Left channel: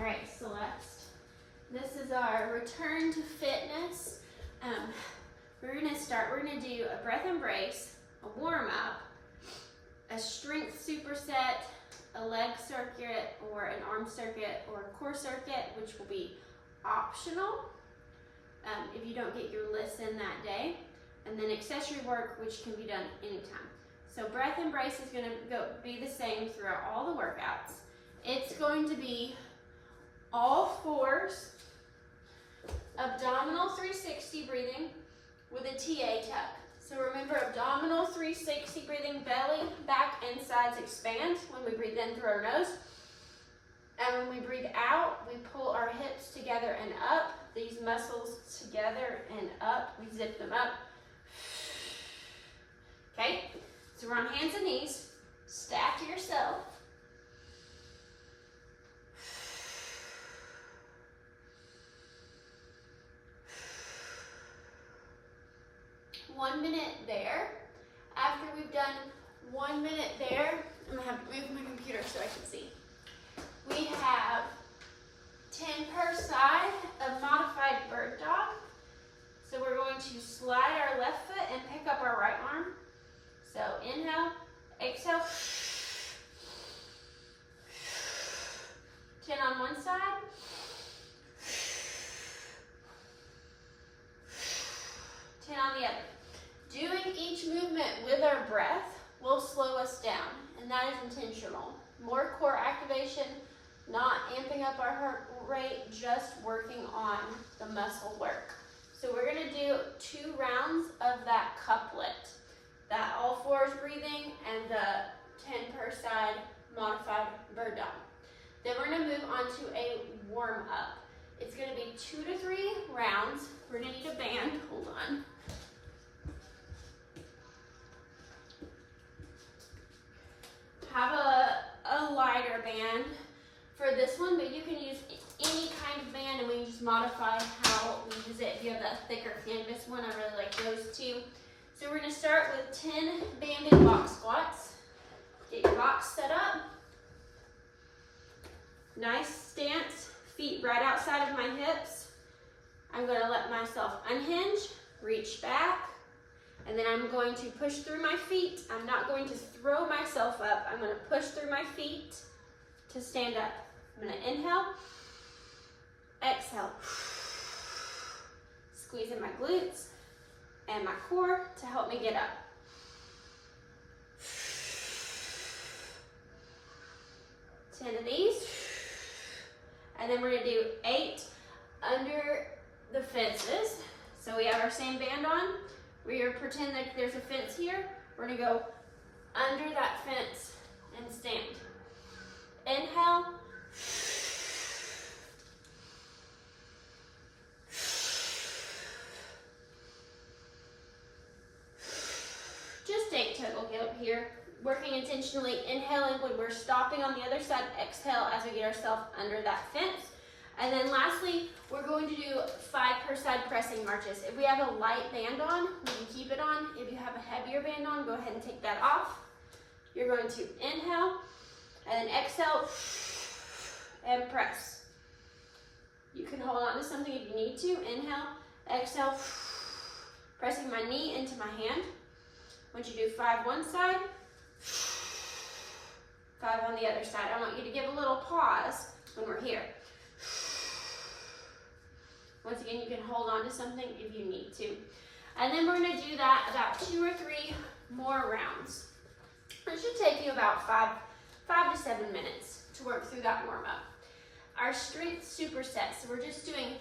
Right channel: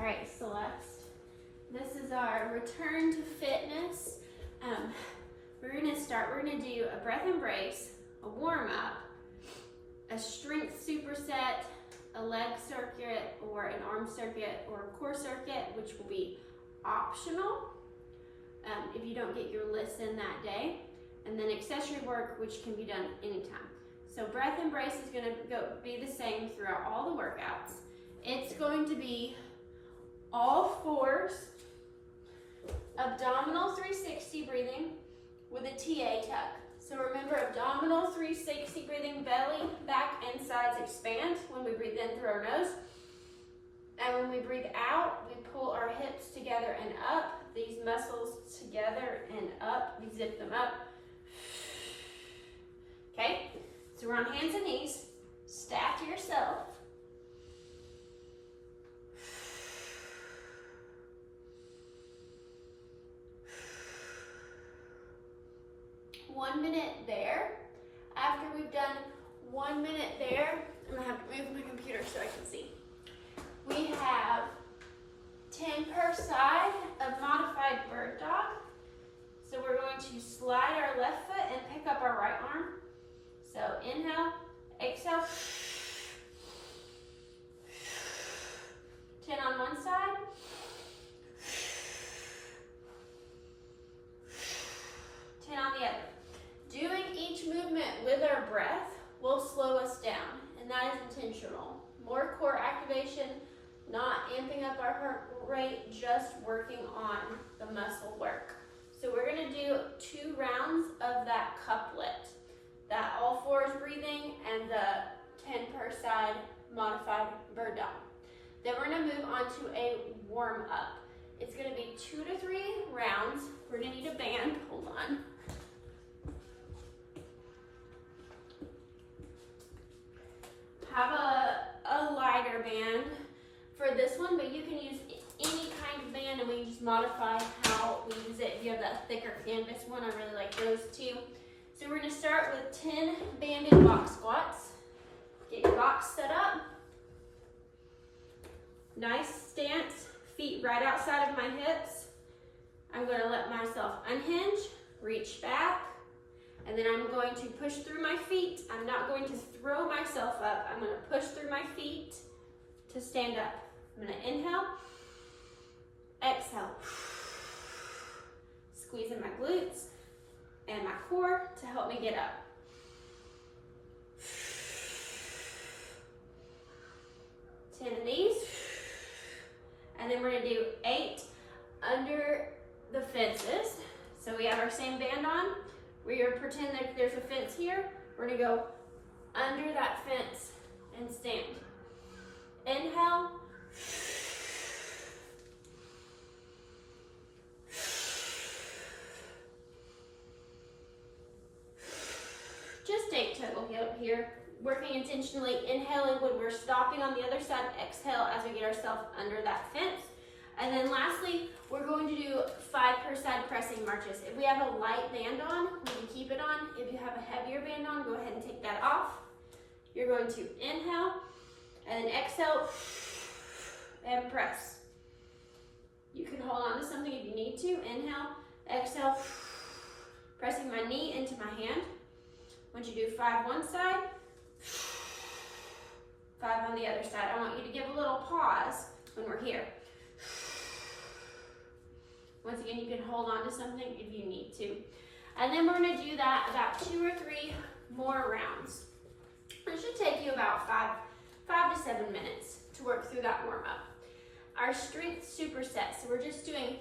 All right, Celeste, this is our return to fitness. We're gonna do a breath embrace, a warm up, a strength superset, a leg circuit or an arm circuit or a core circuit, which will be optional if you don't get your list in that day, and then accessory work, which can be done anytime. So breath embrace is gonna be the same throughout all the workouts. It's going to be all fours, abdominal 360 breathing with a TA tuck. So remember, abdominal 360 breathing, belly, back, and sides expand when we breathe in through our nose. And when we breathe out, we pull our hips together and up, these muscles together and up. We zip them up. Okay, so we're on hands and knees. Stack yourself. One minute there. After we've done 1 minute there, I'm gonna have to move my computer so I can see. We have 10 per side of modified bird dog. So we're going to slide our left foot and pick up our right arm. So inhale, exhale. 10 on one side. 10 on the other. Doing each movement with our breath will slow us down, and that is intentional. More core activation, not amping up our heart rate, just working on the muscle work. So we're gonna do 2 rounds of that couplet, that all fours breathing and the 10 per side modified bird dog. Then we're gonna move on to a warm up. It's gonna be 2 to 3 rounds. We're gonna need a band, hold on. Have a lighter band for this one, but you can use any kind of band, and we just modify how we use it. If you have that thicker canvas one, I really like those too. So we're gonna start with 10 banded box squats. Get your box set up. Nice stance, feet right outside of my hips. I'm gonna let myself unhinge, reach back, and then I'm going to push through my feet. I'm not going to throw myself up. I'm gonna push through my feet to stand up. I'm gonna inhale, exhale. Squeeze in my glutes and my core to help me get up. 10 of these. And then we're gonna do 8 under the fences. So we have our same band on. We're gonna pretend that there's a fence here. We're gonna go under that fence and stand. Inhale. Just 8 total here. Working intentionally, inhaling when we're stopping on the other side, exhale as we get ourselves under that fence. And then lastly, we're going to do 5 per side pressing marches. If we have a light band on, we can keep it on. If you have a heavier band on, go ahead and take that off. You're going to inhale and then exhale and press. You can hold on to something if you need to. Inhale, exhale, pressing my knee into my hand. Once you do 5 one side, 5 on the other side. I want you to give a little pause when we're here. Once again, you can hold on to something if you need to. And then we're gonna do that about 2 or 3 more rounds. It should take you about 5 to 7 minutes to work through that warm up. Our strength superset, so we're just doing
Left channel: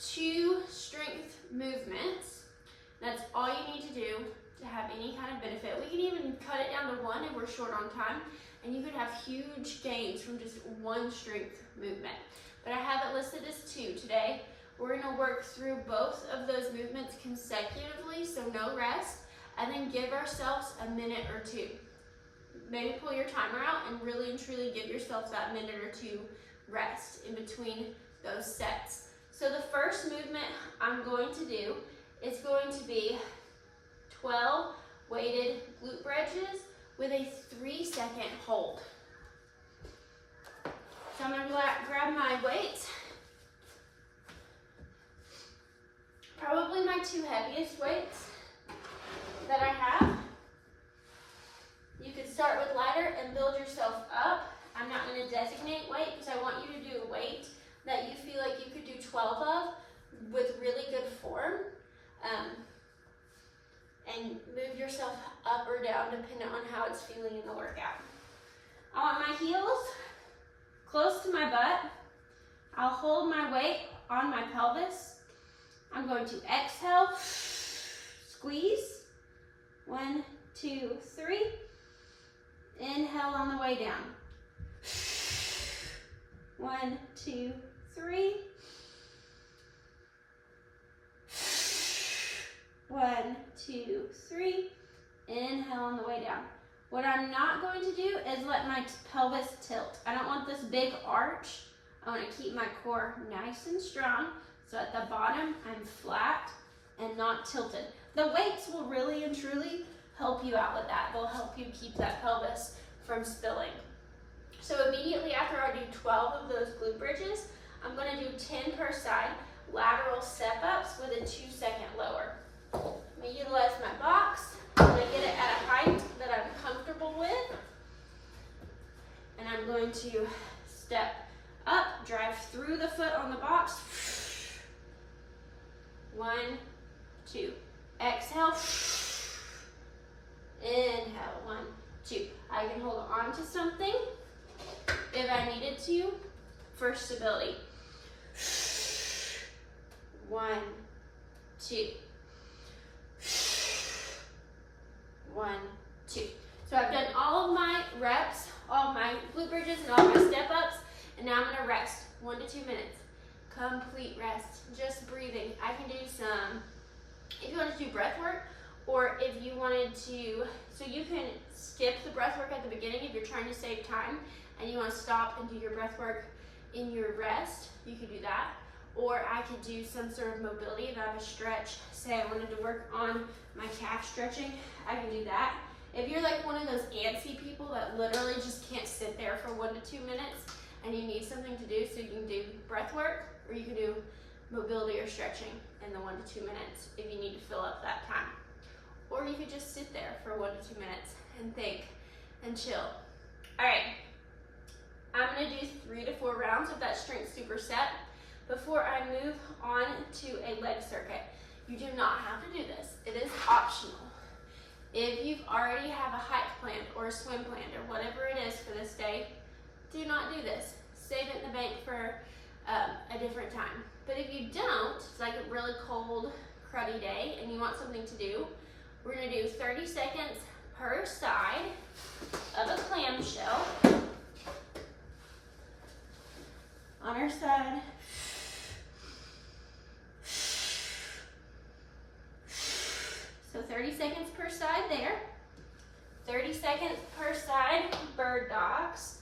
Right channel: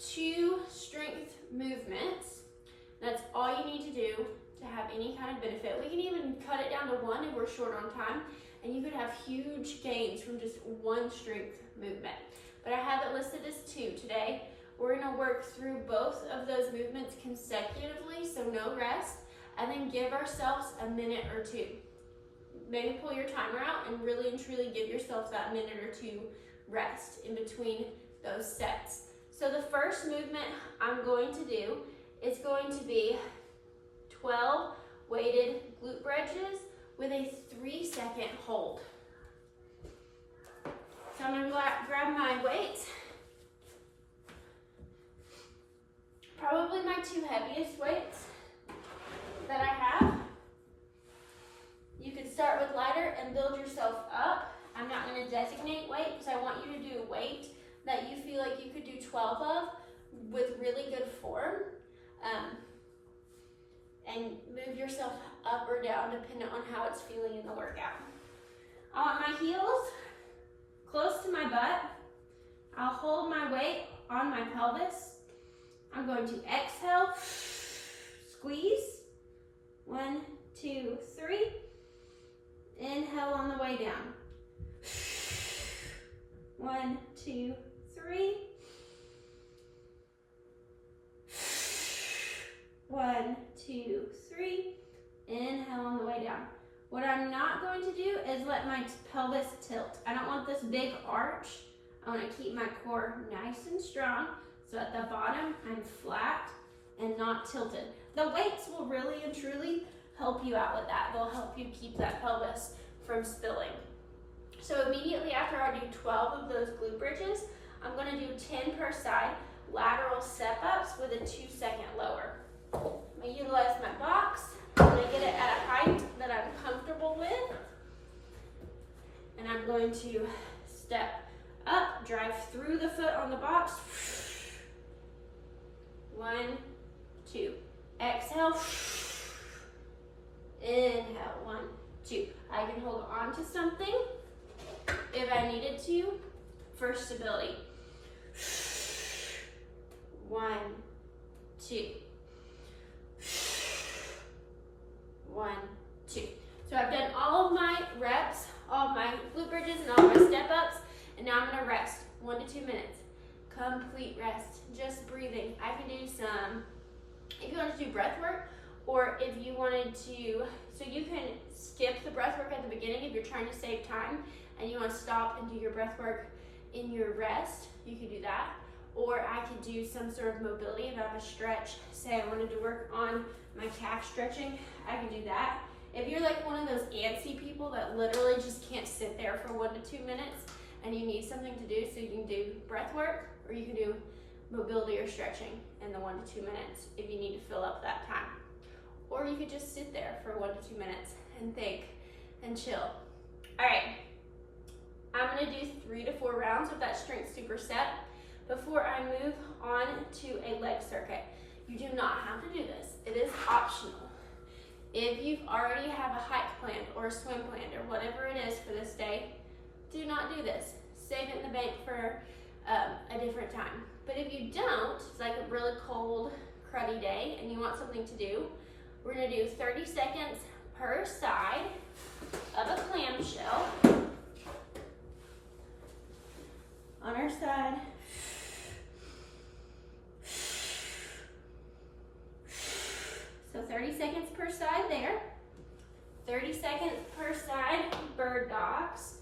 2 strength movements. That's all you need to do to have any kind of benefit. We can even cut it down to 1 if we're short on time, and you could have huge gains from just 1 strength movement. But I have it listed as 2 today. We're gonna work through both of those movements consecutively, so no rest, and then give ourselves a minute or 2. Maybe pull your timer out and really and truly give yourself that minute or 2 rest in between those sets. So the first movement I'm going to do is going to be 12 weighted glute bridges with a 3-second hold. So I'm gonna grab my weights. Probably my two heaviest weights that I have. You can start with lighter and build yourself up. I'm not gonna designate weight because I want you to do a weight that you feel like you could do 12 of with really good form. And move yourself up or down depending on how it's feeling in the workout. I want my heels close to my butt. I'll hold my weight on my pelvis. I'm going to exhale, squeeze. 1, 2, 3. Inhale on the way down. 1, 2, 3. 1, 2, 3. Inhale on the way down. What I'm not going to do is let my pelvis tilt. I don't want this big arch. I want to keep my core nice and strong. So at the bottom, I'm flat and not tilted. The weights will really and truly help you out with that. They'll help you keep that pelvis from spilling. So immediately after I do 12 of those glute bridges, I'm going to do 10 per side lateral step-ups with a 2-second lower. I'm going to utilize my box. I'm going to get it at a height that I'm comfortable with. And I'm going to step up, drive through the foot on the box. 1, 2. Exhale. Inhale. 1, 2. I can hold on to something if I needed to for stability. 1, 2. 1, 2. So I've done all of my reps, all of my glute bridges and all of my step ups, and now I'm gonna rest 1 to 2 minutes. Complete rest, just breathing. I can do some, if you want to do breath work, or if you wanted to, so you can skip the breath work at the beginning if you're trying to save time and you want to stop and do your breath work in your rest, you could do that. Or I could do some sort of mobility. If I have a stretch, say I wanted to work on my calf stretching, I can do that. If you're like one of those antsy people that literally just can't sit there for 1 to 2 minutes and you need something to do, so you can do breath work, or you can do mobility or stretching in the 1 to 2 minutes if you need to fill up that time. Or you could just sit there for 1 to 2 minutes and think and chill. All right, I'm gonna do 3 to 4 rounds of that strength superset before I move on to a leg circuit. You do not have to do this. It is optional. If you already have a hike planned or a swim planned or whatever it is for this day, do not do this. Save it in the bank for a different time. But if you don't, it's like a really cold, cruddy day and you want something to do, we're gonna do 30 seconds per side of a clamshell. On our side. So 30 seconds per side there. 30 seconds per side, bird dogs.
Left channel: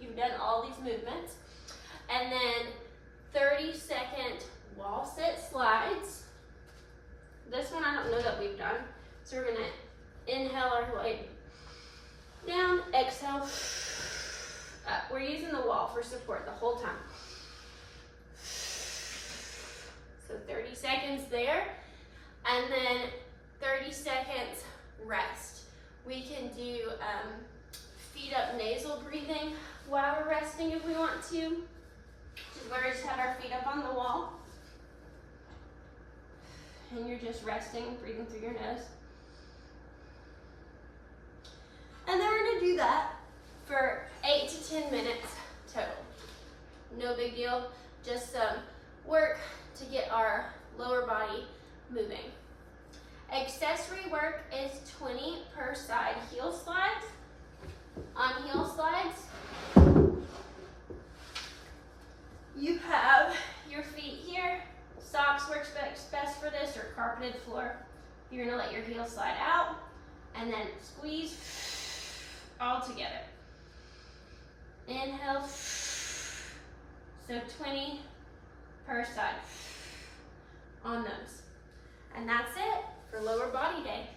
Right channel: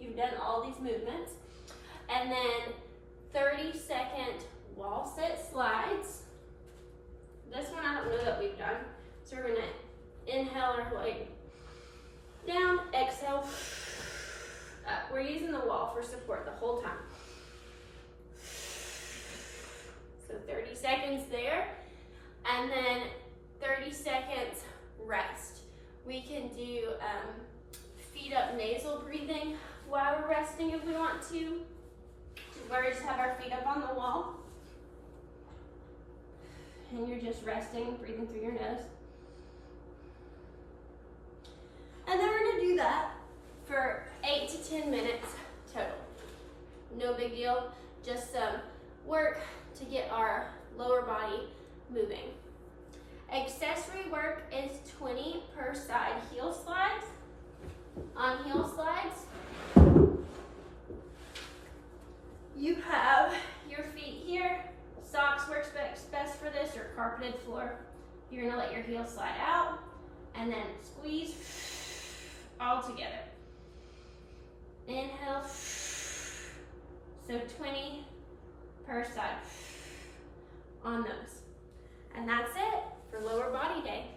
You've done all these movements. And then 30-second wall sit slides. This one I don't know that we've done. So we're gonna inhale our way down, exhale, up. We're using the wall for support the whole time. So 30 seconds there, and then 30 seconds rest. We can do feet up nasal breathing while we're resting if we want to. Where we just have our feet up on the wall. And you're just resting, breathing through your nose. And then we're gonna do that for 8 to 10 minutes total. No big deal, just some work to get our lower body moving. Accessory work is 20 per side heel slides. On heel slides, you have your feet here. Socks works best for this, or carpeted floor. You're gonna let your heel slide out and then squeeze all together. Inhale. So 20 per side on those. And that's it for lower body day.